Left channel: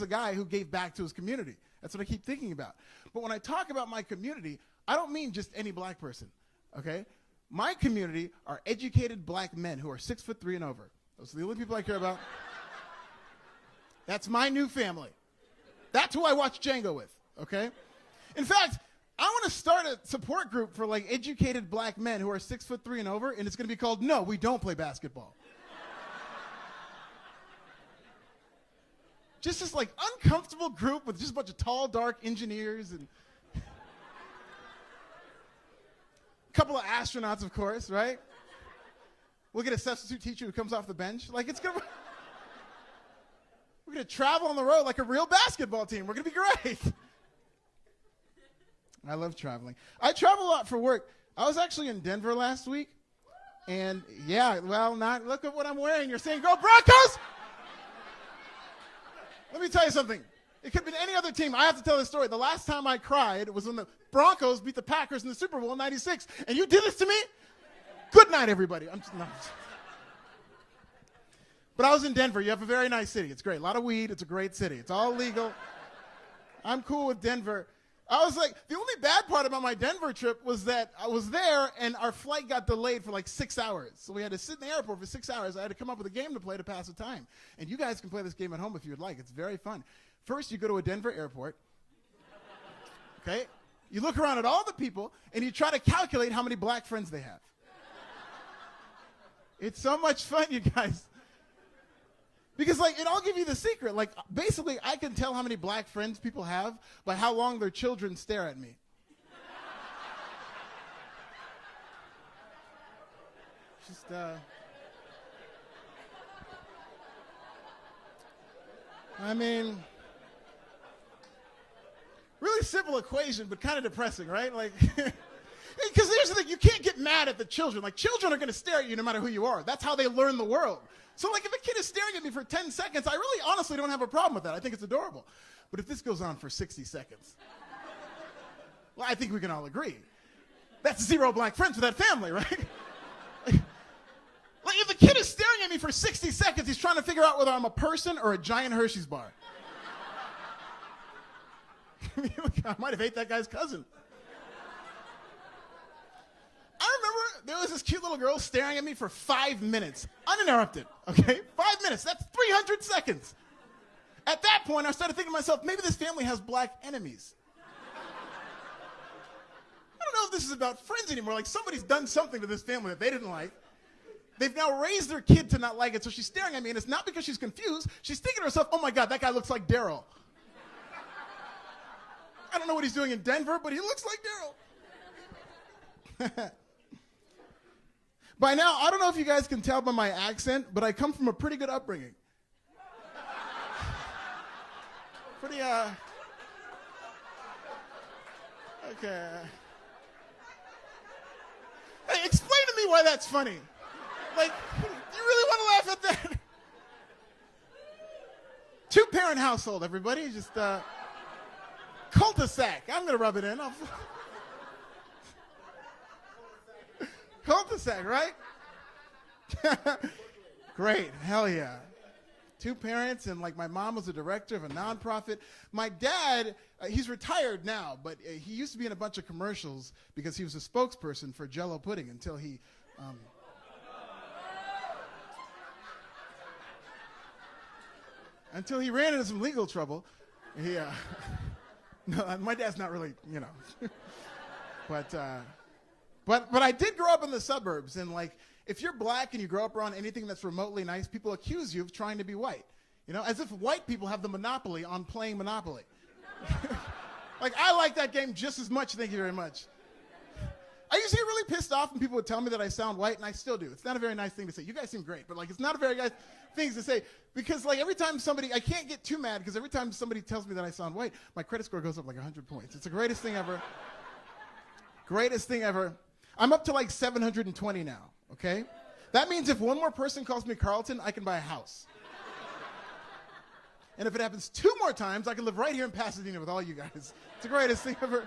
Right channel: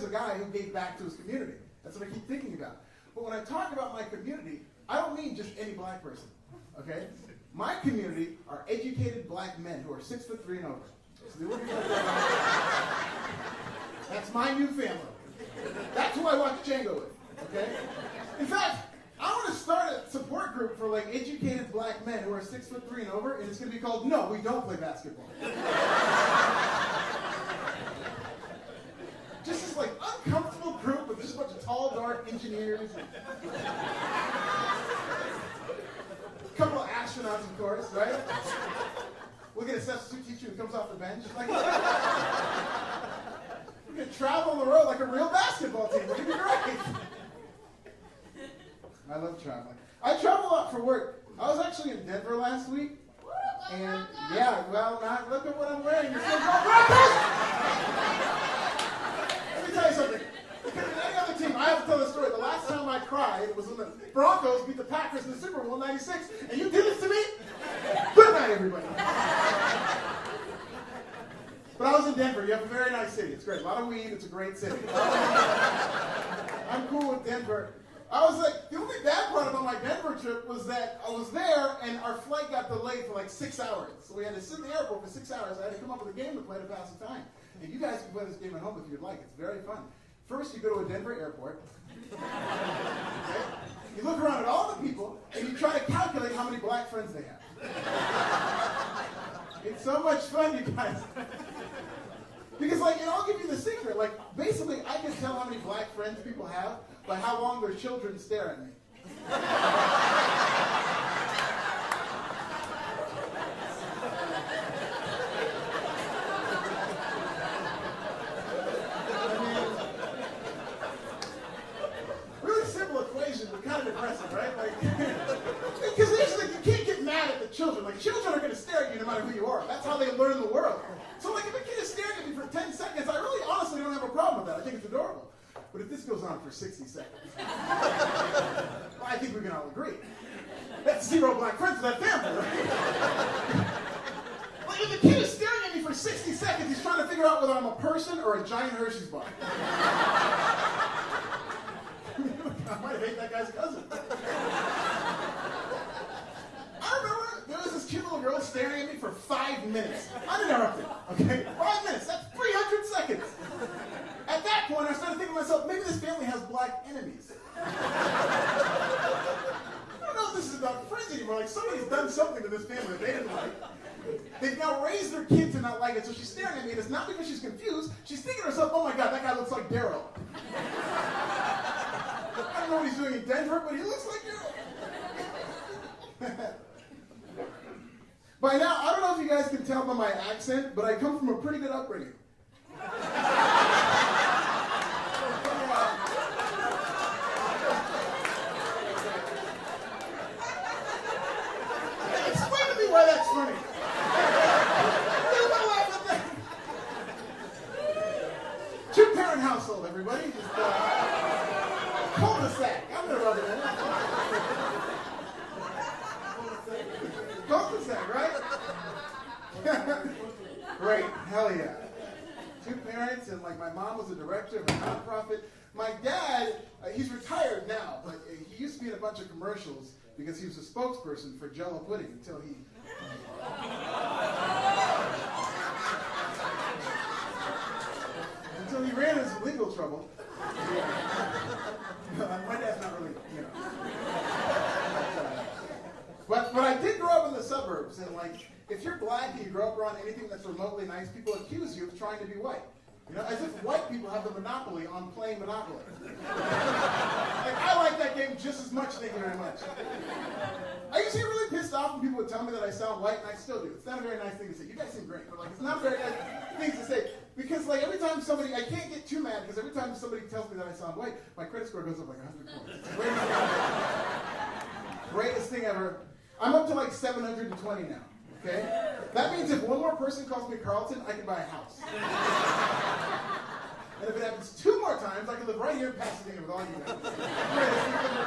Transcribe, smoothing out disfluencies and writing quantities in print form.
here's a guy who gave back to his community. That's what I keep thinking about. But when I talk about my community, I don't mean just any black person, okay? My community are educated black men who are 6'3" and over. So the only people I care about. That's my new family. That's who I watch Django with, okay? In fact, I want to start a support group for like educated black men who are 6'3" and over, and it's going to be called No, We Don't Play Basketball. Just this like uncomfortable group with just a bunch of tall, dark engineers and a couple of astronauts, of course, right? We'll get a substitute teacher who comes off the bench. Like we're gonna travel on the road like a real basketball team. We're gonna be great. I love traveling. I travel a lot for work. I was actually in Denver last week, and yeah, well, look at what I'm wearing. You're saying go Broncos? Let me tell you something. It could be any other team. I have to tell the story. The last time I cried was when the Broncos beat the Packers in the Super Bowl in '96, and you did this to me? Good night, everybody. But I was in Denver. You have a very nice city. It's great. A lot of weed. It's a great city. I'm cool with Denver. I was like, the only bad part about my Denver trip was that I was there and our flight got delayed for like 6 hours. So we had to sit in the airport for 6 hours. I had to come up with a game to play to pass the time. And you guys can play this game at home if you would like. It's very fun. First, you go to a Denver airport. Okay? You look around at all the people and you try to calculate how many black friends they have. It's so much fun, you guys. Because, like, and I'll give you the secret. Like, basically, I can tell how many black friends people have by how long their children stare at me. I mean, really simple equation, but kind of depressing, right? Like, because here's the thing, you can't get mad at the children. Like, children are going to stare at you no matter who you are. That's how they learn the world. So, like, if a kid is staring at me for 10 seconds, I really honestly don't have a problem with that. I think it's adorable. But if this goes on for 60 seconds, well, I think we can all agree. That's 0 black friends for that family, right? Like, if the kid is staring at me for 60 seconds, he's trying to figure out whether I'm a person or a giant Hershey's bar. I might have ate that guy's cousin. I remember there was this cute little girl staring at me for 5 minutes, uninterrupted, okay? 5 minutes, that's 300 seconds. At that point, I started thinking to myself, maybe this family has black enemies. I don't know if this is about friends anymore. Like, somebody's done something to this family that they didn't like. They've now raised their kid to not like it, so she's staring at me, and it's not because she's confused. She's thinking to herself, oh my God, that guy looks like Daryl. I don't know what he's doing in Denver, but he looks like Daryl. By now, I don't know if you guys can tell by my accent, but I come from a pretty good upbringing. Hey, explain to me why that's funny. I really want to laugh at that. 2-parent household, everybody. Just cul-de-sac. I'm going to rub it in. Cul-de-sac, right? Great, hell yeah. 2 parents, and like my mom was a director of a nonprofit. My dad, he's retired now, but he used to be in a bunch of commercials because he was a spokesperson for Jell-O pudding until he ran into some legal trouble. Yeah. No, my dad's not really, you know. But I did grow up in the suburbs, and like, if you're black and you grow up around anything that's remotely nice, people accuse you of trying to be white. You know, as if white people have the monopoly on playing Monopoly. Like, I like that game just as much, thank you very much. I used to get really pissed off when people would tell me that I sound white, and I still do. It's not a very nice thing to say. You guys seem great, but like, it's not a very nice thing to say. Because like, every time somebody, I can't get too mad, because every time somebody tells me that I sound white, my credit score goes up like 100 points. It's the greatest thing ever. Greatest thing ever. I'm up to like 720 now, okay? That means if one more person calls me Carlton, I can buy a house. And if it happens 2 more times, I can live right here in Pasadena with all you guys. It's the greatest thing ever.